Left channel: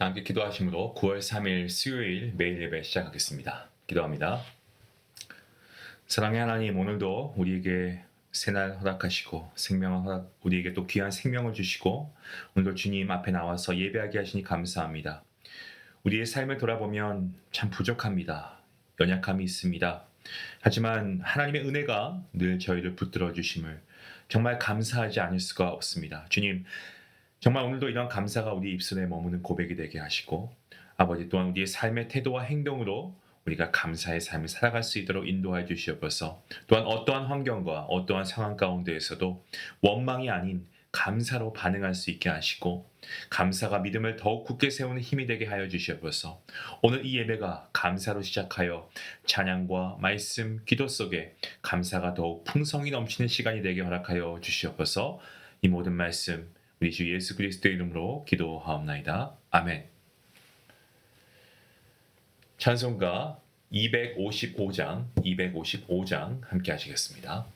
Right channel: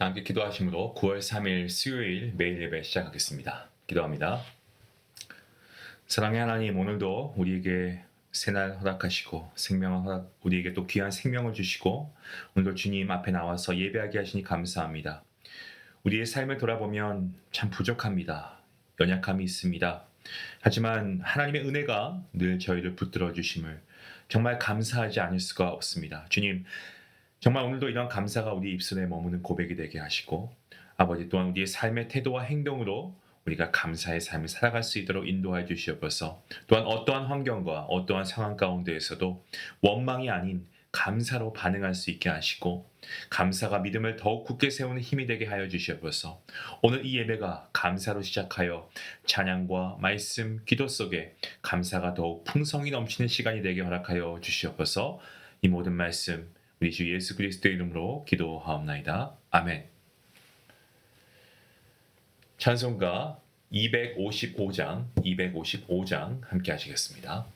다 함께 기도하심으로 9월 3일 수요일 매일 예배 시작하겠습니다. 기도합니다. 사랑의 하나님, 오늘도 우리에게 새날 허락하시고 우리에게 또 귀한 생명을 주시고 오늘도 주님 앞에 나와서 예배하게 하시니 감사합니다. 우리의 삶을 돌아보면 참 부족합니다. 연약함이 있습니다. 하지만 하나님의 은혜가 늘 저희를 붙들어 주심을 정말 감사하지 않을 수가 없습니다. 주님, 정말 오늘도 이런 감사가 우리 입술에 머무는 고백이 되게 하시고 아버지 또한 우리의 삶의 태도와 행동으로 우리가 감사의 삶을 살아갈 수 있도록 인도하여 주시옵소서. 또한 어떠한 환경과 어떠한 상황 가운데에서도 원망이 아닌 감사로 반응할 수 있게 하시고 감사가 믿음을 더욱 굳게 세우는 힘이 되게 하여 주시옵소서. 오늘 이 예배가 감사로 시작하여 찬양과 말씀, 기도 속에 감사가 더욱 풍성이 넘치는 시간이 되게 허락하여 주시옵소서. 이 모든 말씀 우리 주 예수 그리스도의 이름으로 기도하옵나이다. 아멘. 찬송가 255장 함께 하시겠습니다.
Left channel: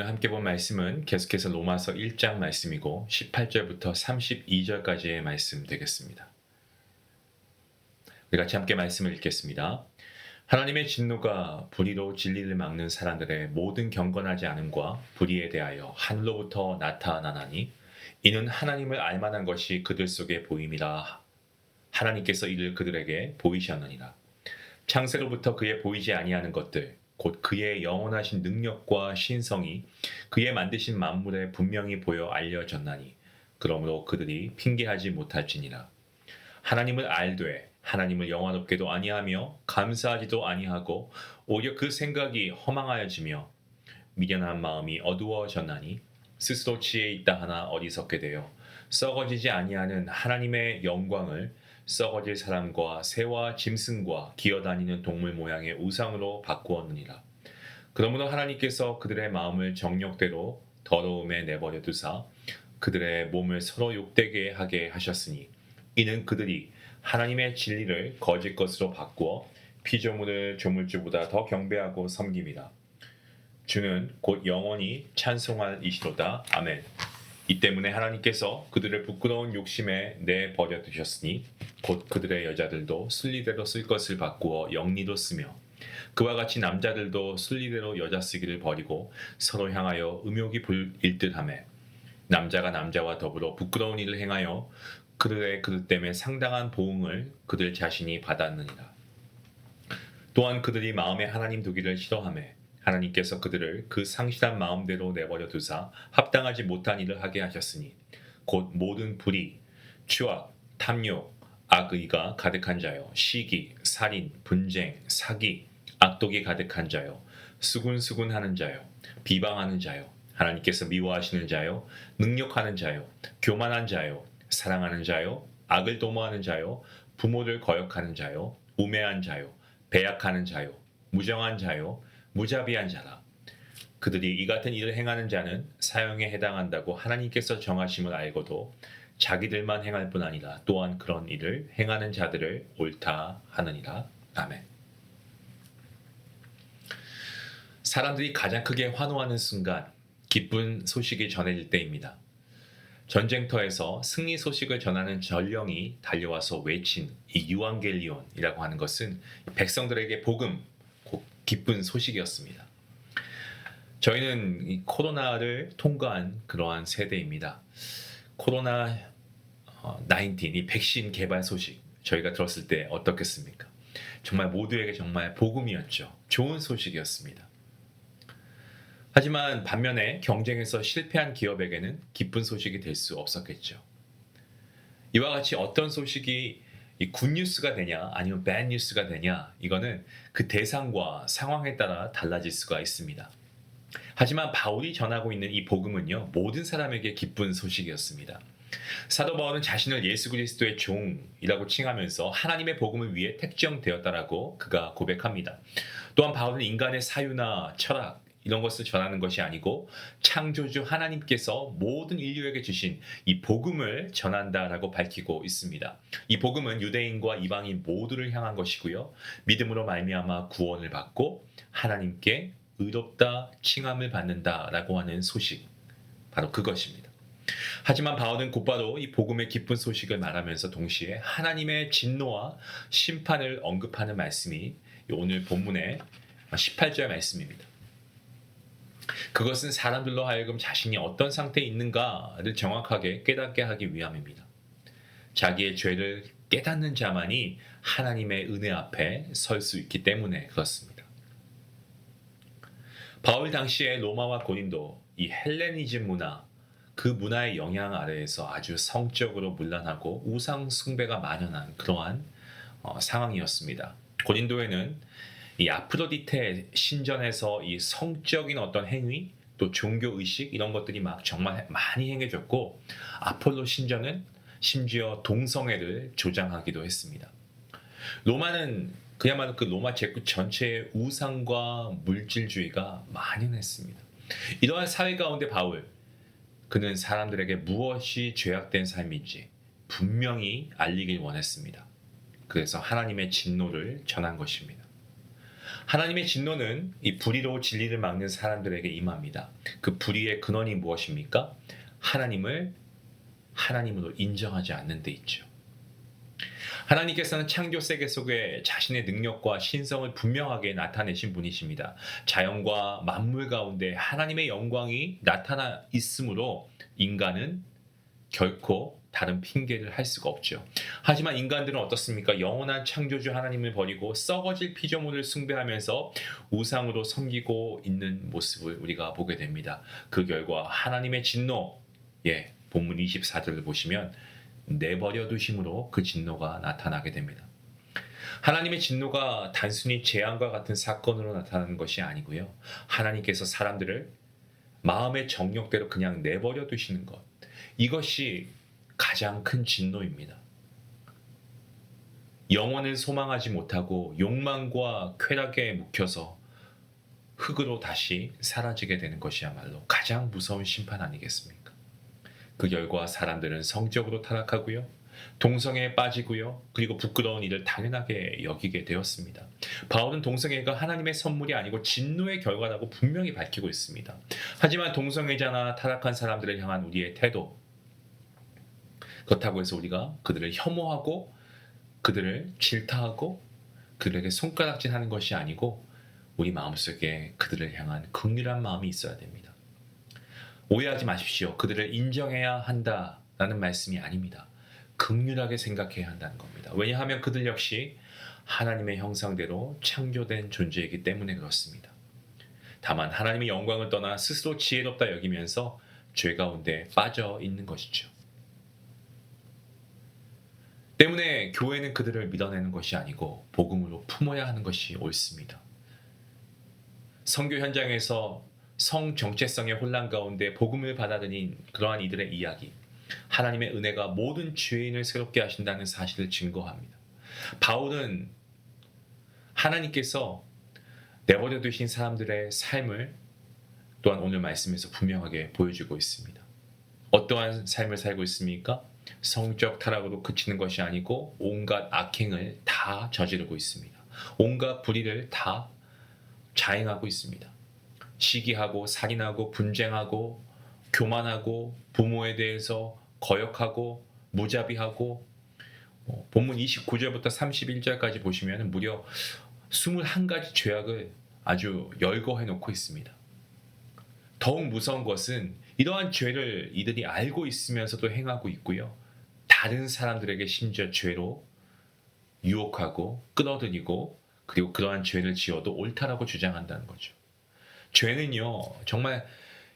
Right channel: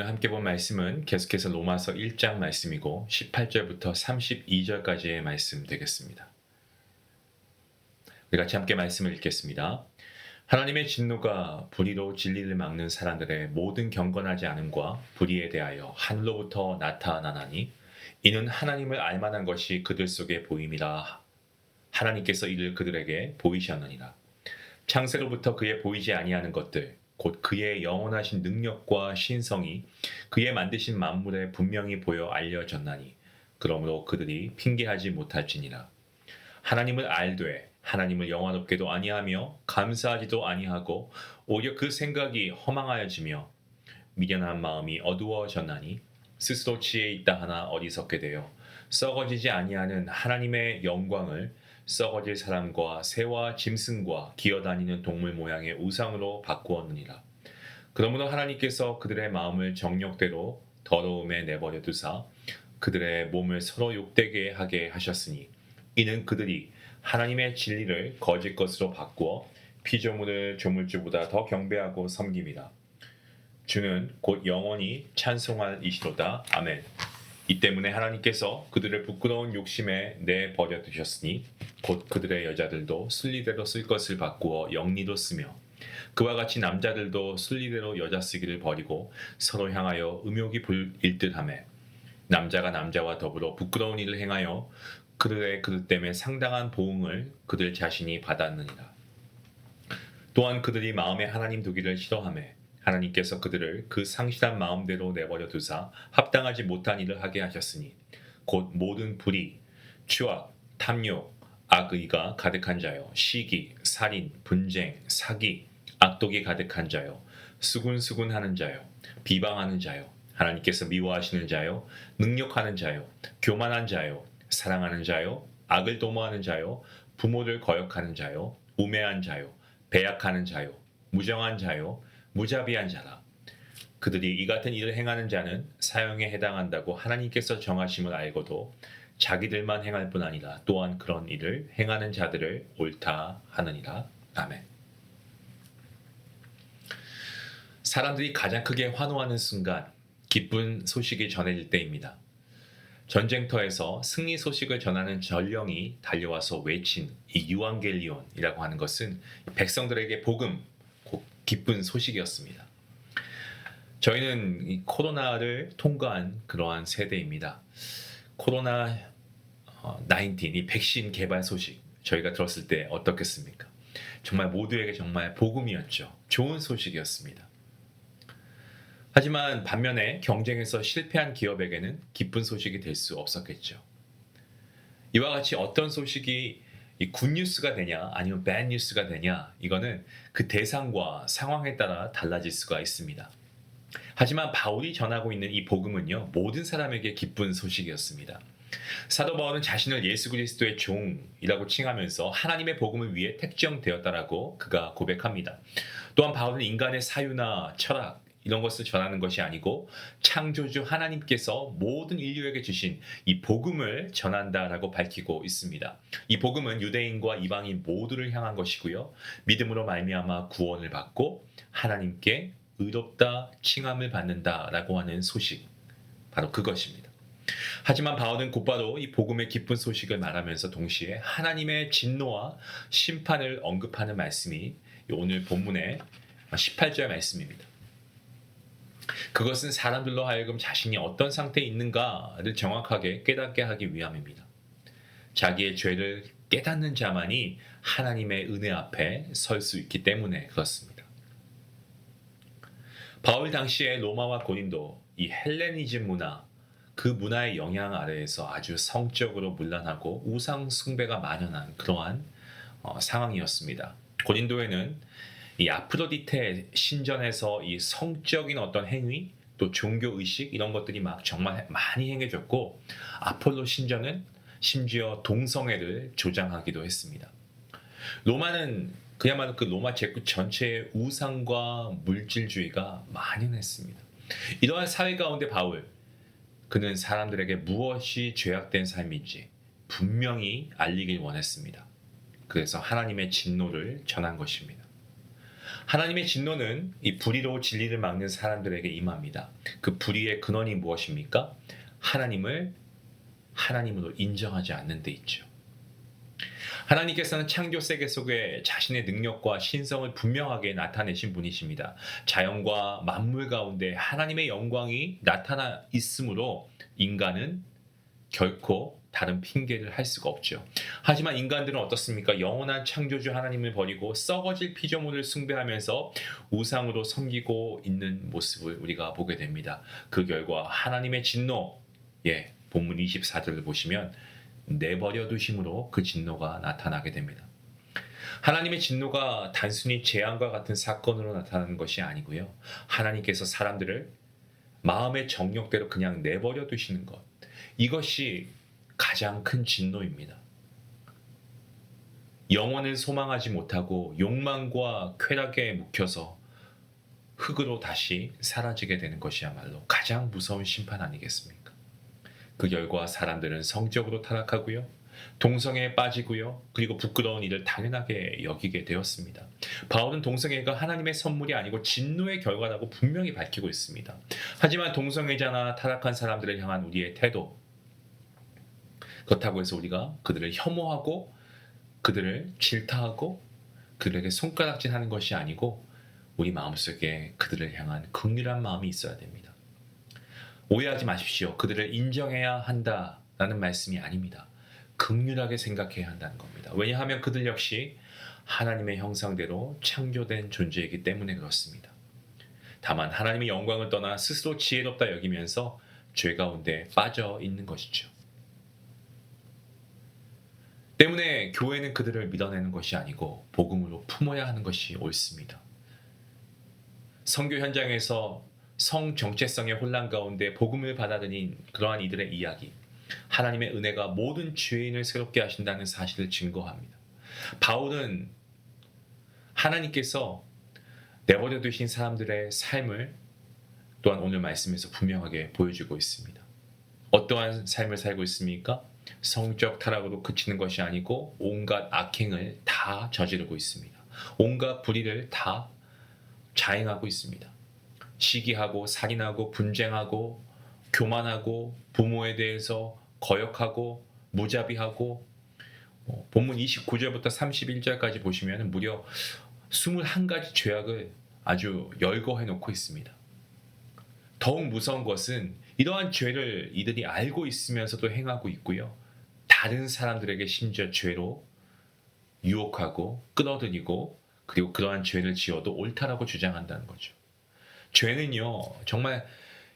오늘 함께 본 말씀은 계속해서 로마서 1장 말씀이고 18절부터 32절까지의 말씀 되겠습니다. 우리 같이 함께 말씀을 읽겠습니다. 하나님의 진노가 불의로 진리를 막는 사람들의 모든 경건하지 않음과 불의에 대하여 하늘로부터 나타나나니 이는 하나님을 알만한 것이 그들 속에 보임이라. 하나님께서 이를 그들에게 보이셨느니라. 창세로부터 그의 보이지 아니하는 것들 곧 그의 영원하신 능력과 신성이 그의 만드신 만물에 분명히 보여 알려졌나니 그러므로 그들이 핑계하지 못할지니라. 하나님을 알되 하나님을 영화롭게도 아니하며 감사하지도 아니하고 오히려 그 생각이 허망하여지며 미련한 마음이 어두워졌나니 스스로 지혜 있다 하나 어리석게 되어 썩어지지 아니하는 하나님의 영광을 썩어질 사람과 새와 짐승과 기어다니는 동물 모양의 우상으로 바꾸었느니라. 그러므로 하나님께서 그들의 마음을 정욕대로 더러움에 내버려 두사 그들의 몸을 서로 욕되게 하게 하셨으니 이는 그들이 하나님의 진리를 거짓 것으로 바꾸어 피조물을 조물주보다 더 경배하고 섬김이다. 주는 곧 영원히 찬송할 이시로다. 아멘. 이 때문에 하나님께서 그들을 부끄러운 욕심에 내버려 두셨으니 곧 그들의 여자들도 순리대로 쓸 것을 바꾸어 영리로 쓰며 그와 같이 남자들도 순리대로 여자 쓰기를 버리고 서로 향하여 음욕이 불일 듯하매 남자가 남자와 더불어 부끄러운 일을 행하여 그들의 그들 때문에 상당한 보응을 그들 자신이 받았느니라. 또한 그들이 마음에 하나님 두기를 싫어하매 하나님께서 그들을 그 상실한 마음대로 내버려 두사 합당하지 못한 일을 하게 하셨으니 곧 모든 불의, 추악, 탐욕, 악의가 가득한 자요 시기, 살인, 분쟁, 사기, 악독이 가득한 자요 수군수군하는 자요 비방하는 자요 하나님께서 미워하시는 자요 능욕하는 자요 교만한 자요 사랑하는 자요 악을 도모하는 자요 부모를 거역하는 자요 우매한 자요 배약하는 자요 무정한 자요 무자비한 자라. 그들이 이 같은 일을 행하는 자는 사형에 해당한다고 하나님께서 정하심을 알고도 자기들만 행할 뿐 아니라 또한 그런 일을 행하는 자들을 옳다 하느니라. 아멘. 사람들이 가장 크게 환호하는 순간 기쁜 소식이 전해질 때입니다. 전쟁터에서 승리 소식을 전하는 전령이 달려와서 외친 이 유앙겔리온이라고 하는 것은 백성들에게 복음, 기쁜 소식이었습니다. 저희는 이 코로나를 통과한 그러한 세대입니다. 코로나 19, 이 백신 개발 소식 저희가 들었을 때 어떻겠습니까? 정말 모두에게 정말 복음이었죠. 좋은 소식이었습니다. 하지만 반면에 경쟁에서 실패한 기업에게는 기쁜 소식이 될 수 없었겠죠. 이와 같이 어떤 소식이 이 굿뉴스가 되냐 아니면 배드뉴스가 되냐 이거는 그 대상과 상황에 따라 달라질 수가 있습니다. 하지만 바울이 전하고 있는 이 복음은요 모든 사람에게 기쁜 소식이었습니다. 사도 바울은 자신을 예수 그리스도의 종이라고 칭하면서 하나님의 복음을 위해 택정되었다라고 그가 고백합니다. 또한 바울은 인간의 사유나 철학 이런 것을 전하는 것이 아니고 창조주 하나님께서 모든 인류에게 주신 이 복음을 전한다라고 밝히고 있습니다. 이 복음은 유대인과 이방인 모두를 향한 것이고요. 믿음으로 말미암아 구원을 받고 하나님께 의롭다 칭함을 받는다라고 하는 소식, 바로 그것입니다. 하지만 바울은 곧바로 이 복음의 기쁜 소식을 말하면서 동시에 하나님의 진노와 심판을 언급하는 말씀이 오늘 본문의 18절 말씀입니다. 그것은 사람들로 하여금 자신이 어떤 상태에 있는가를 정확하게 깨닫게 하기 위함입니다. 자기의 죄를 깨닫는 자만이 하나님의 은혜 앞에 설 수 있기 때문에 그렇습니다. 바울 당시에 로마와 고린도, 이 헬레니즘 문화, 그 문화의 영향 아래에서 아주 성적으로 문란하고 우상 숭배가 만연한 그러한 상황이었습니다. 고린도에는 이 아프로디테 신전에서 이 성적인 어떤 행위 또 종교 의식 이런 것들이 막 정말 많이 행해졌고 아폴로 신전은 심지어 동성애를 조장하기도 했습니다. 로마는 그야말로 그 로마 제국 전체의 우상과 물질주의가 만연했습니다. 이러한 사회 가운데 바울 그는 사람들에게 무엇이 죄악된 삶인지 분명히 알리길 원했습니다. 그래서 하나님의 진노를 전한 것입니다. 하나님의 진노는 이 불의로 진리를 막는 사람들에게 임합니다. 그 불의의 근원이 무엇입니까? 하나님을 하나님으로 인정하지 않는 데 있죠. 하나님께서는 창조 세계 속에 자신의 능력과 신성을 분명하게 나타내신 분이십니다. 자연과 만물 가운데 하나님의 영광이 나타나 있으므로 인간은 결코 다른 핑계를 할 수가 없죠. 하지만 인간들은 어떻습니까? 영원한 창조주 하나님을 버리고 썩어질 피조물을 숭배하면서 우상으로 섬기고 있는 모습을 우리가 보게 됩니다. 그 결과 하나님의 진노, 본문 24절을 보시면 내버려 두심으로 그 진노가 나타나게 됩니다. 하나님의 진노가 단순히 재앙과 같은 사건으로 나타나는 것이 아니고요. 하나님께서 사람들을 마음의 정욕대로 그냥 내버려 두시는 것, 이것이 가장 큰 진노입니다. 영원을 소망하지 못하고 욕망과 쾌락에 묵혀서 흙으로 다시 사라지게 되는 것이야말로 가장 무서운 심판 아니겠습니까? 그 결과 사람들은 성적으로 타락하고요. 동성애에 빠지고요. 그리고 부끄러운 일을 당연하게 여기게 되었습니다. 바울은 동성애가 하나님의 선물이 아니고 진노의 결과라고 분명히 밝히고 있습니다. 하지만 동성애자나 타락한 사람들을 향한 우리의 태도, 그렇다고 해서 우리가 그들을 혐오하고 그들을 질타하고 그들에게 손가락질하는 것이 아니고 우리 마음속에 그들을 향한 긍휼한 마음이 있어야 됩니다. 오해하지 마십시오. 그들을 인정해야 한다라는 말씀이 아닙니다. 긍휼하게 생각해야 한다는 겁니다. 왜냐하면 그들 역시 하나님의 형상대로 창조된 존재이기 때문에 그렇습니다. 다만 하나님의 영광을 떠나 스스로 지혜롭다 여기면서 죄 가운데 빠져 있는 것이죠. 때문에 교회는 그들을 밀어내는 것이 아니고 복음으로 품어야 하는 것이 옳습니다. 선교 현장에서 성 정체성의 혼란 가운데 복음을 받아들인 그러한 이들의 이야기, 하나님의 은혜가 모든 죄인을 새롭게 하신다는 사실을 증거합니다. 바울은 하나님께서 내버려 두신 사람들의 삶을 또한 오늘 말씀에서 분명하게 보여주고 있습니다. 어떠한 삶을 살고 있습니까? 성적 타락으로 그치는 것이 아니고 온갖 악행을 다 저지르고 있습니다. 온갖 불의를 다 자행하고 있습니다. 시기하고 살인하고 분쟁하고 교만하고 부모에 대해서 거역하고 무자비하고 본문 29절부터 31절까지 보시면 무려 21가지 죄악을 아주 열거해 놓고 있습니다. 더욱 무서운 것은 이러한 죄를 이들이 알고 있으면서도 행하고 있고요. 다른 사람들에게 심지어 죄로 유혹하고 끌어들이고 그리고 그러한 죄를 지어도 옳다라고 주장한다는 거죠. 죄는요, 정말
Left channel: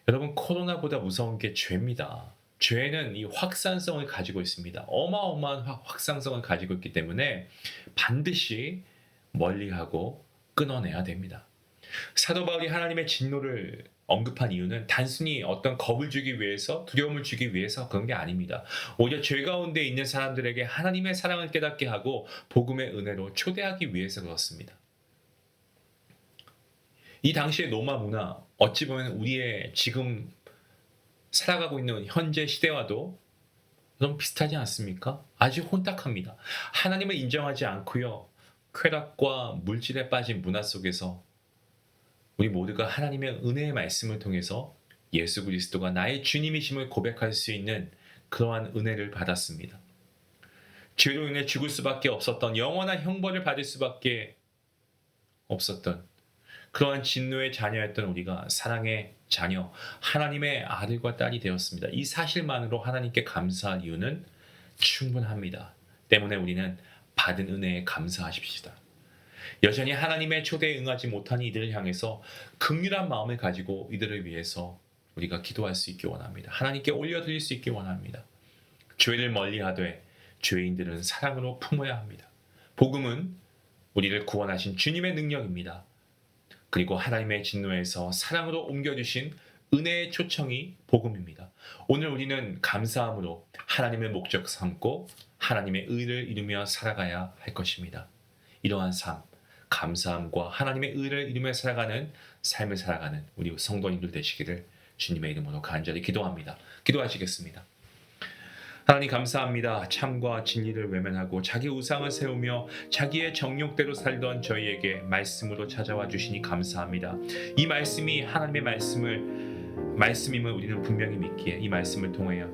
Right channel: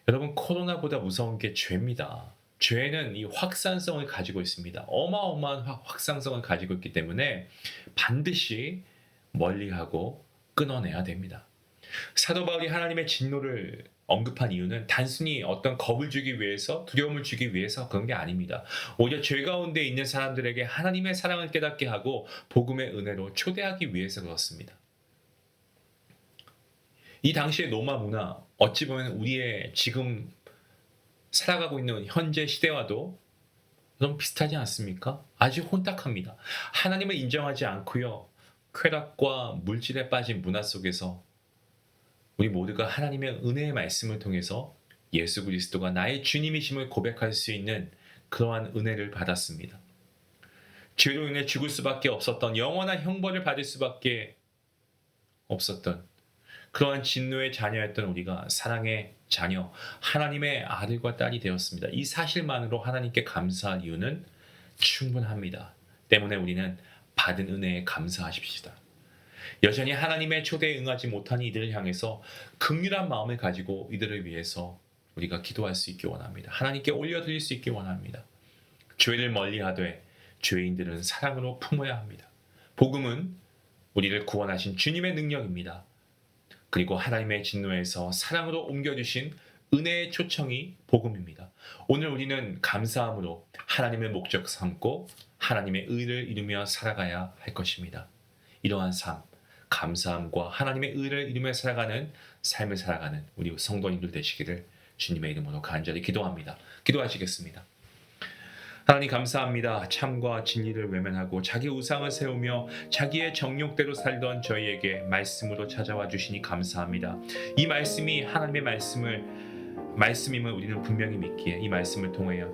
여러분 코로나보다 무서운 게 죄입니다. 죄는 이 확산성을 가지고 있습니다. 어마어마한 확산성을 가지고 있기 때문에 반드시 멀리하고 끊어내야 됩니다. 사도 바울이 하나님의 진노를 언급한 이유는 단순히 어떤 겁을 주기 위해서, 두려움을 주기 위해서 그런 게 아닙니다. 오히려 죄 가운데 있는 사람들에게 하나님의 사랑을 깨닫게 하고 복음의 은혜로 초대하기 위해서 그렇습니다. 이 당시의 로마 문화, 어찌 보면 우리의 지금 살아가고 있는 현재 시대와도 너무 비슷하지 않습니까? 아주 혼탁합니다. 하나님을 인정하지 않고요. 쾌락과 물질에 빠진 문화 속에서 우리 모두가 하나님의 은혜의 말씀을 통해서 예수 그리스도가 나의 주님이심을 고백할 수 있는 그러한 은혜를 받았습니다. 죄로 인해 죽을 수밖에 없었던, 영원한 형벌을 받을 수밖에 없었던 그러한 진노의 자녀였던 우리가 사랑의 자녀, 하나님의 아들과 딸이 되었습니다. 이 사실만으로 하나님께 감사할 이유는 충분합니다. 때문에 우리는 받은 은혜에 감사하십시다. 여전히 하나님의 초대에 응하지 못한 이들을 향해서 긍휼한 마음을 가지고 이들을 위해서 우리가 기도할 수 있기 원합니다. 하나님께 올려드릴 수 있기 원합니다. 죄를 멀리하되 죄인들은 사랑으로 품어야 합니다. 복음은 우리를 구원하신 주님의 능력입니다. 그리고 하나님의 진노에서 사랑으로 옮겨주신 은혜의 초청이 복음입니다. 오늘 우리는 감사함으로 하나님의 목적 삼고 하나님의 의를 이루며 살아가야 할 것입니다. 이러한 삶, 감사함과 하나님의 의를 이루며 살아가는 삶을 살아가는 우리 성도님들 되시기를 주님의 이름으로 간절히 기도합니다. 기도하시겠습니다. 하나님 감사합니다. 참과 진리를 외면하고 자기 우상을 세우며 자기의 정욕대로 살던 저희에게 말씀으로 찾아와 주시니 감사합니다. 이 말씀이 하나님의 말씀임을 우리는 분명히 믿기에 이 말씀을 통해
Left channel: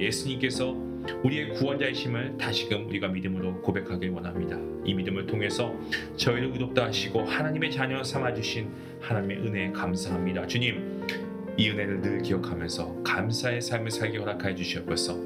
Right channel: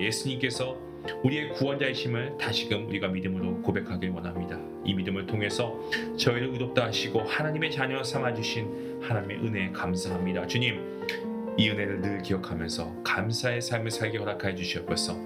예수님께서 우리의 구원자이심을 다시금 우리가 믿음으로 고백하길 원합니다. 이 믿음을 통해서 저희를 의롭다 하시고 하나님의 자녀 삼아주신 하나님의 은혜에 감사합니다. 주님, 이 은혜를 늘 기억하면서 감사의 삶을 살게 허락하여 주시옵소서.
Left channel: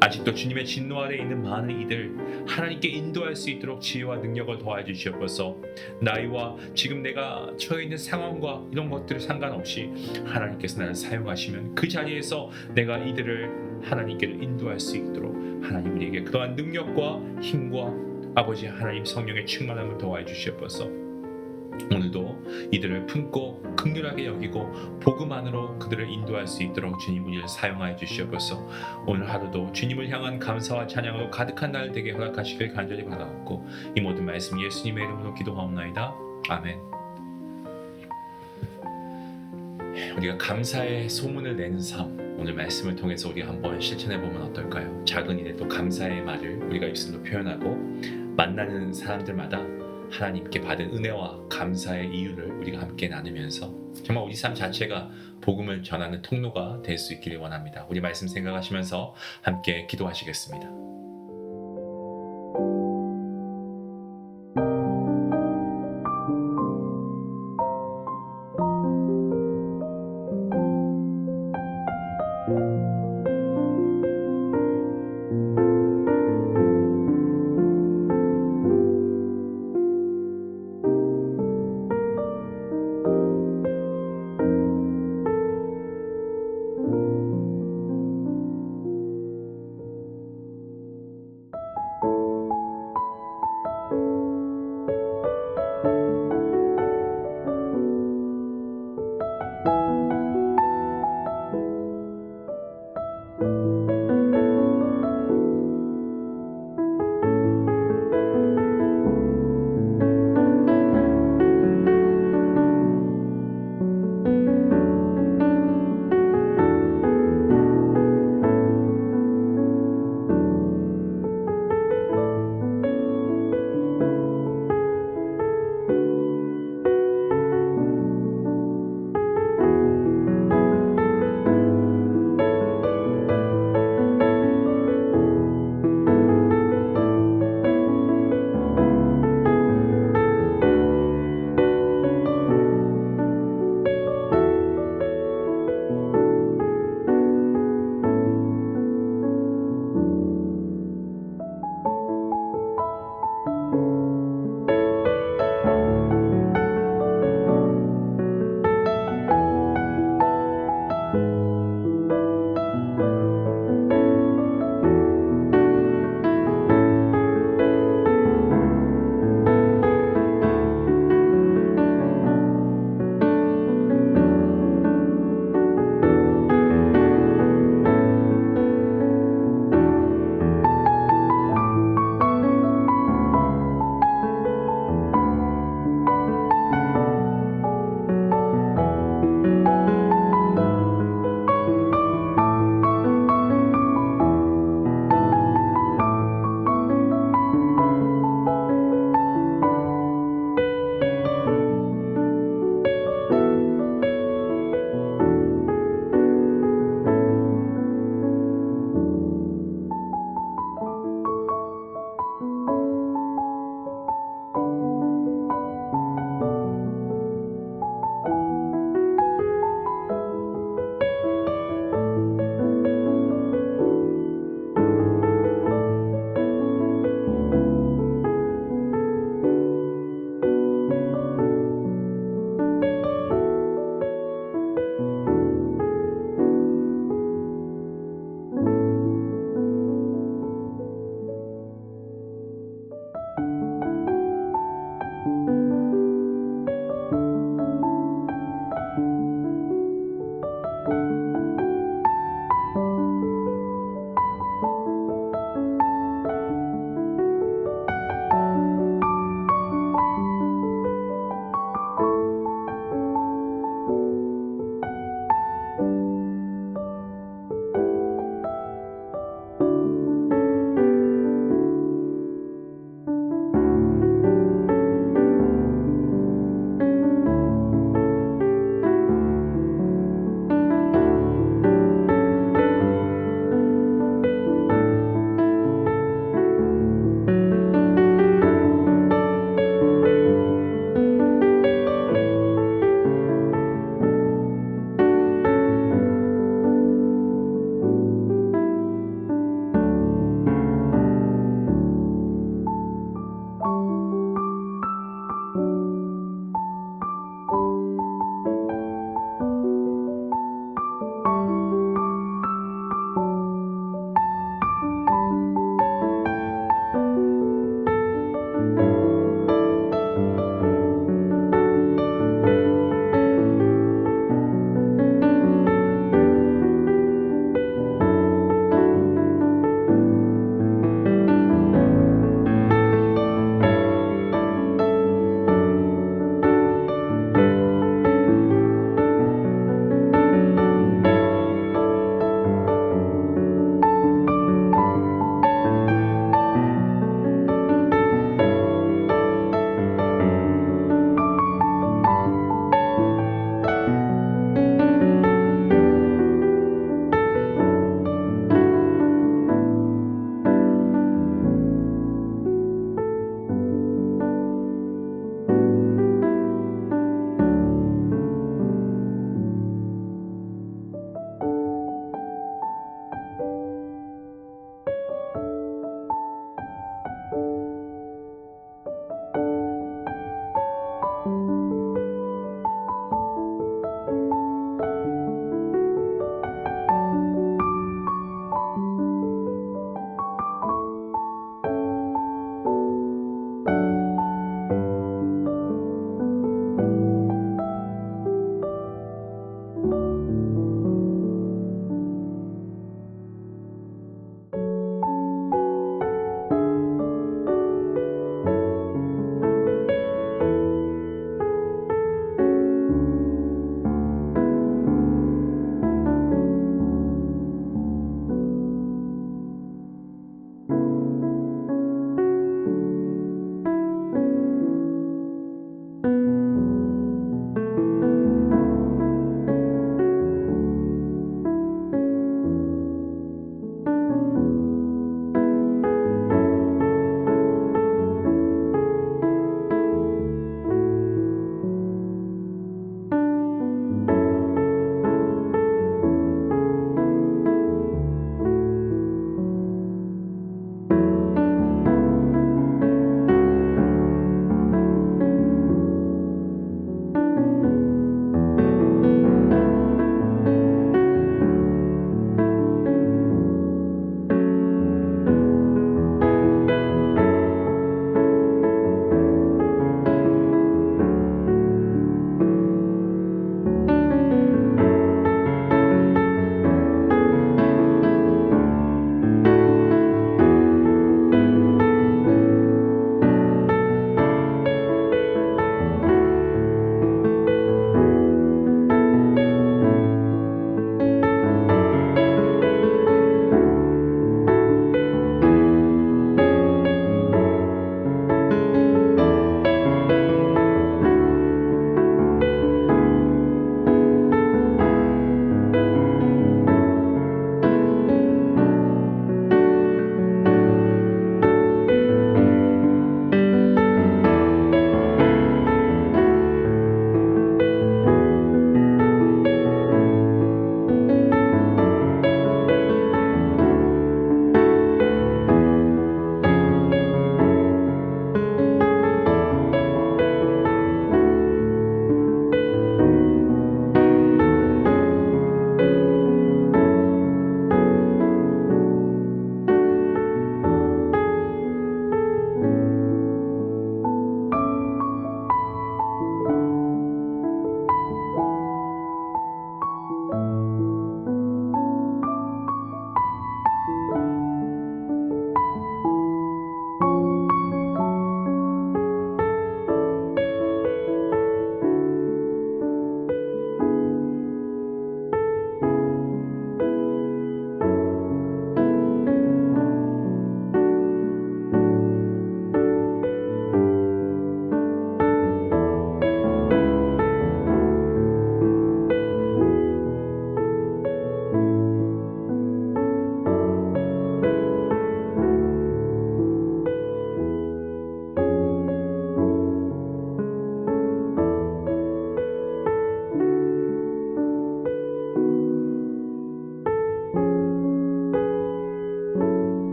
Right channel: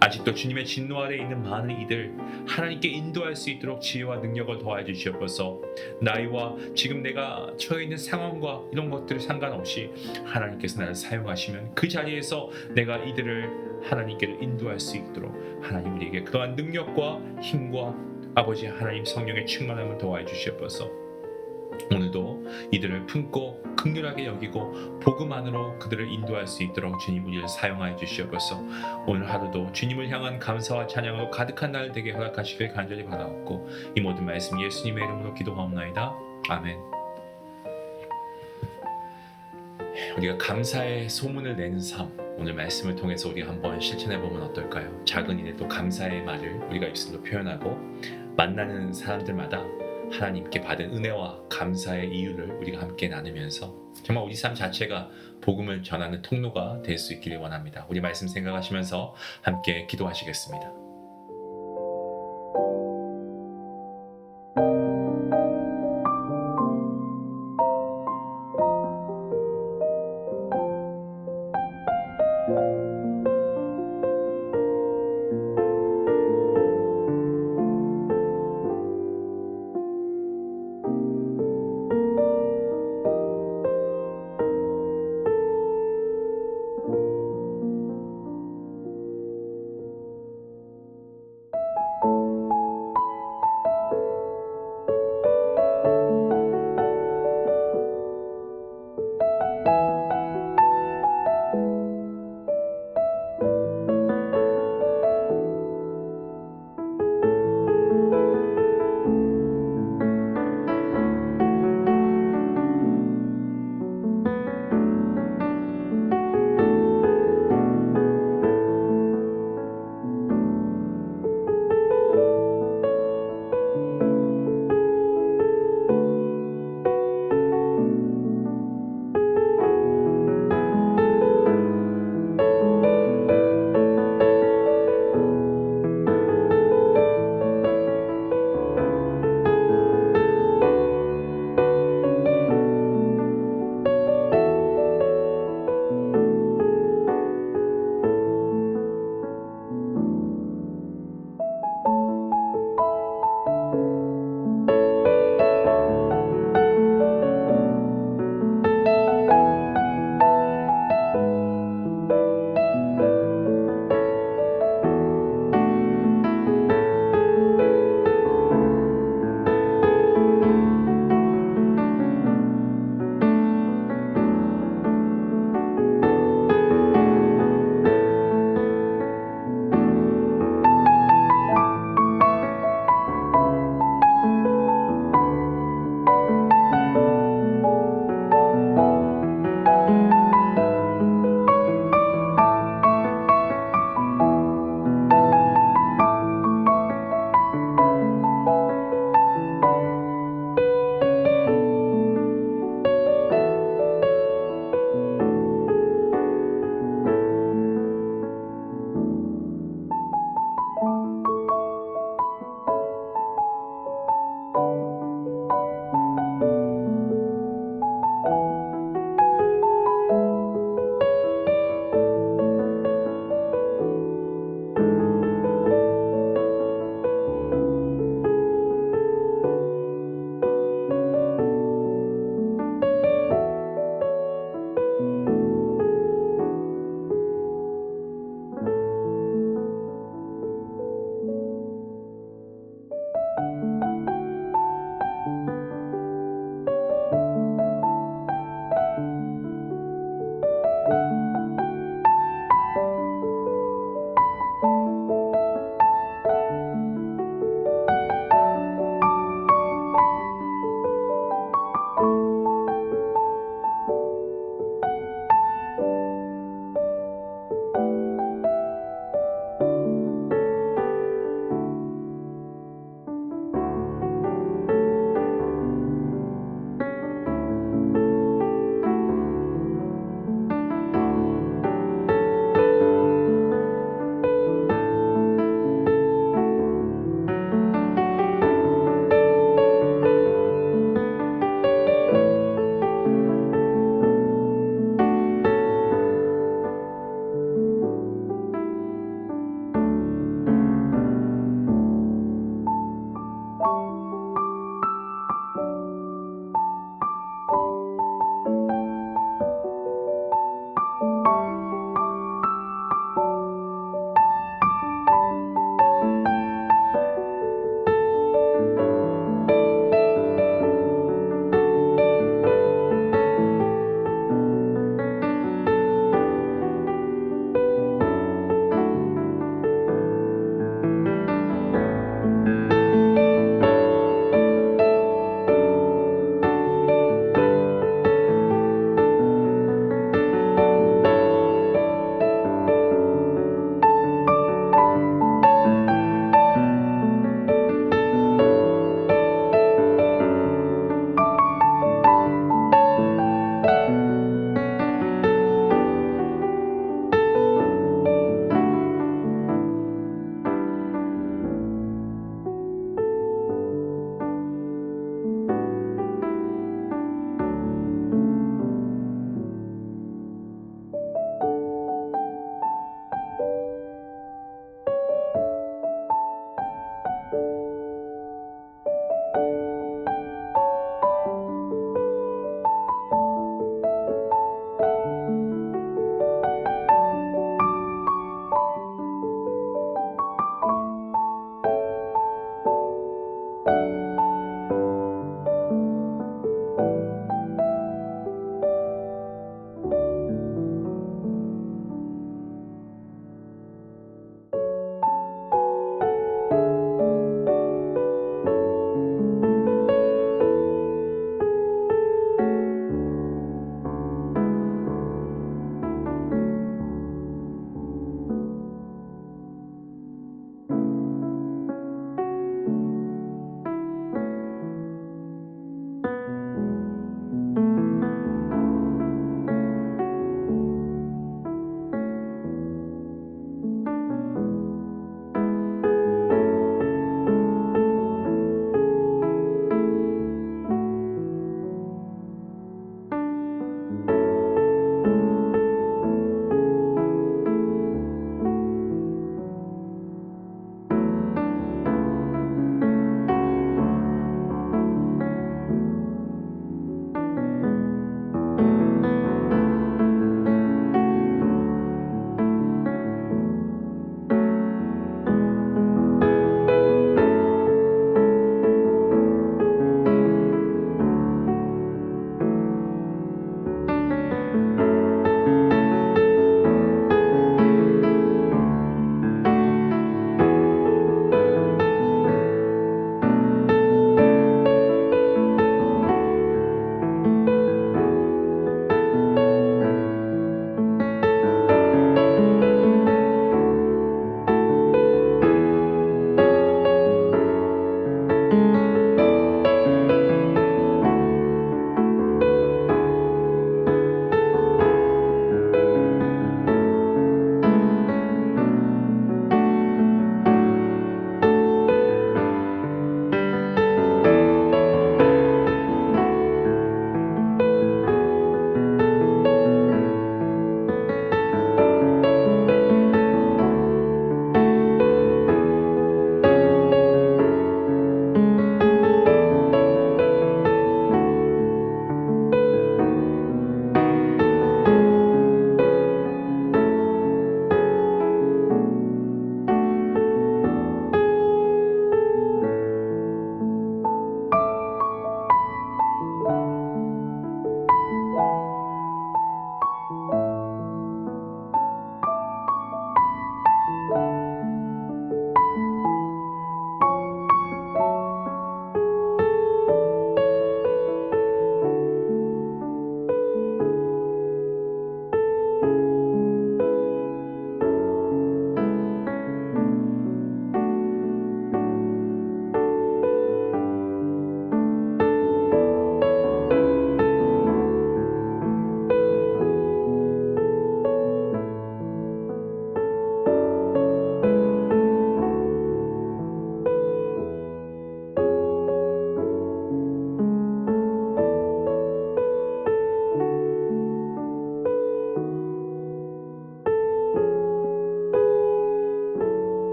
아직도 주님의 진노 아래에 있는 많은 이들 하나님께 인도할 수 있도록 지혜와 능력을 더하여 주시옵소서. 나이와 지금 내가 처해 있는 상황과 이런 것들 상관없이 하나님께서 나를 사용하시면 그 자리에서 내가 이들을 하나님께로 인도할 수 있도록 하나님 우리에게 그러한 능력과 힘과 아버지 하나님 성령의 충만함을 더하여 주시옵소서. 오늘도 이들을 품고 긍휼하게 여기고 복음 안으로 그들을 인도할 수 있도록 주님 우리를 사용하여 주시옵소서. 오늘 하루도 주님을 향한 감사와 찬양으로 가득한 날 되게 허락하시길 간절히 바라옵고 이 모든 말씀 예수님의 이름으로 기도하옵나이다. 아멘. 우리가 감사의 소문을 내는 삶, 오늘 말씀을 통해서 우리가 한번 실천해 보면 어떨까요? 작은 일에 또 감사의 말을 우리가 입술로 표현하고 만나는 사람들마다 하나님께 받은 은혜와 감사의 이유를 우리가 함께 나누면서 정말 우리 삶 자체가 복음을 전하는 통로가 될 수 있기를 원합니다. 우리 말씀 생각하시면서 함께 기도하시겠습니다.